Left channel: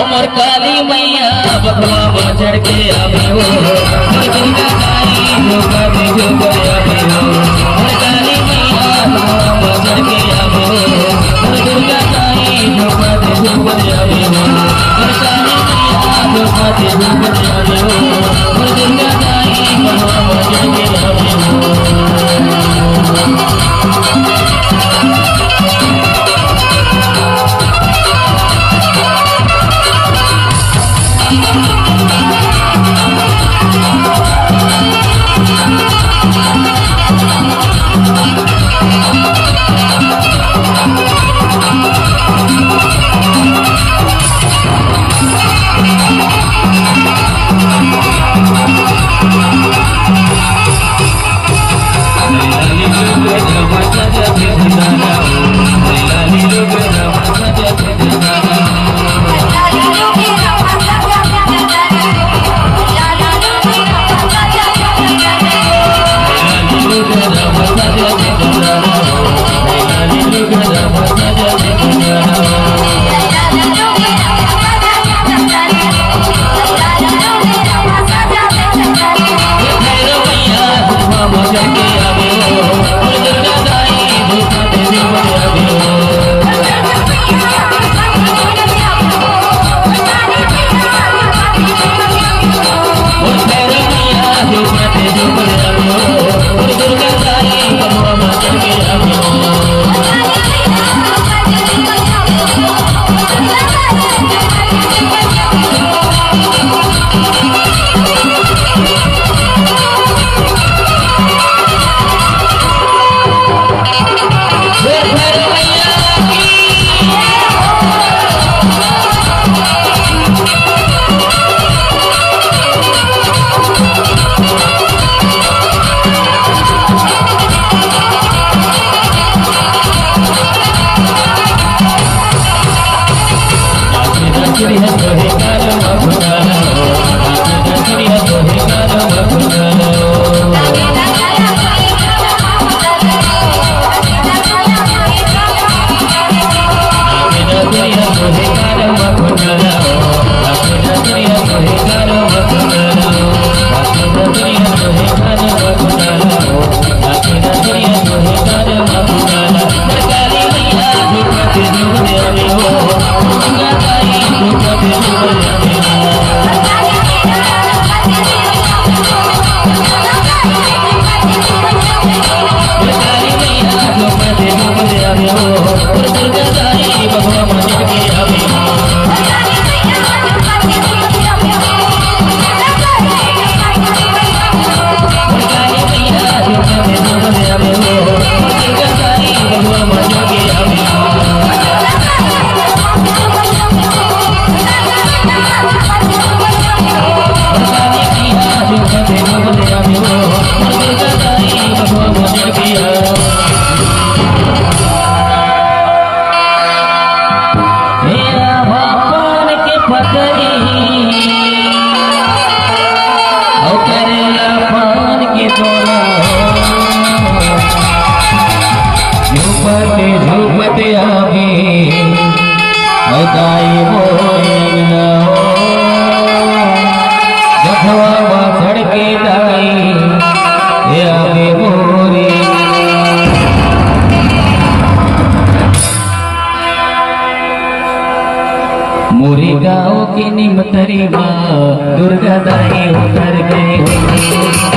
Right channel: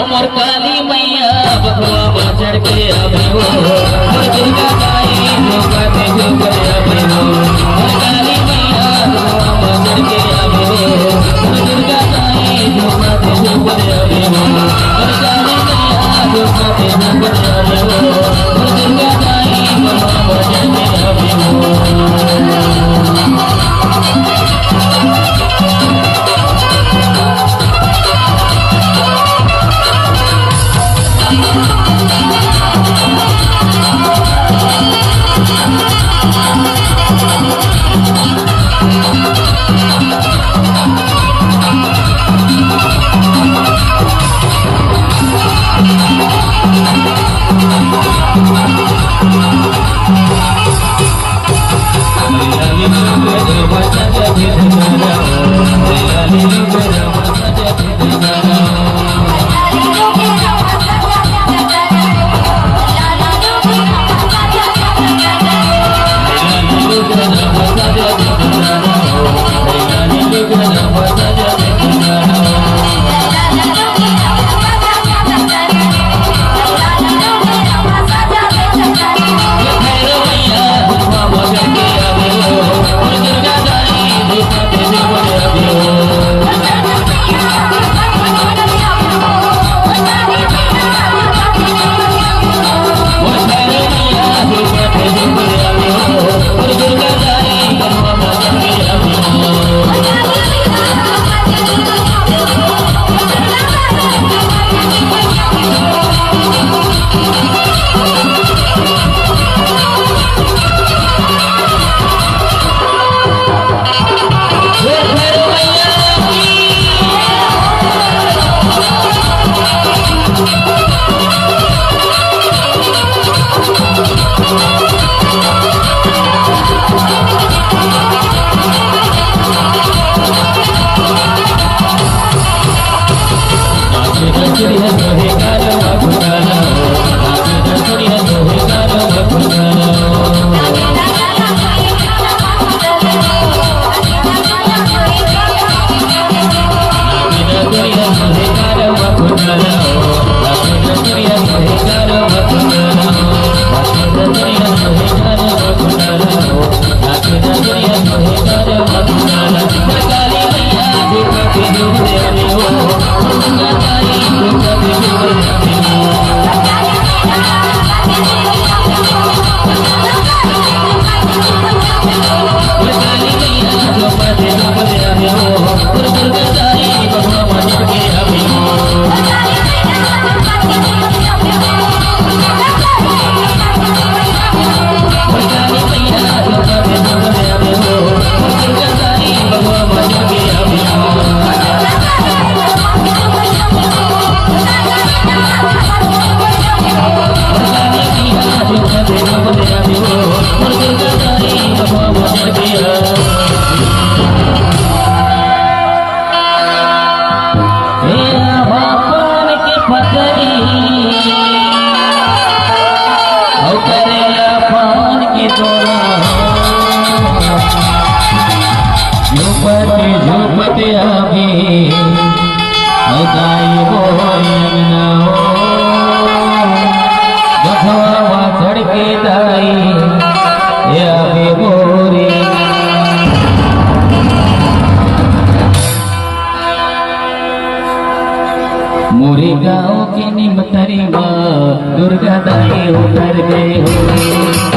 उमर काली मैया बबुआ चढ़ के आवे हो दुर्गा दाई जोगा दे जोगा आवे हो काली मैया बबुआ चढ़ के आवे हो दुर्गा दाई जोगा दे जोगा आवे हो काली मैया जोगा दे जोगा आवे हो दुर्गा दाई बबुआ चढ़ के आवे हो झुमते आवे दाई मोयना गफवा सड़के दाई आवे मोरे मोरे गाँव की निमतरी माँ दुर्गा दाई उतर गए।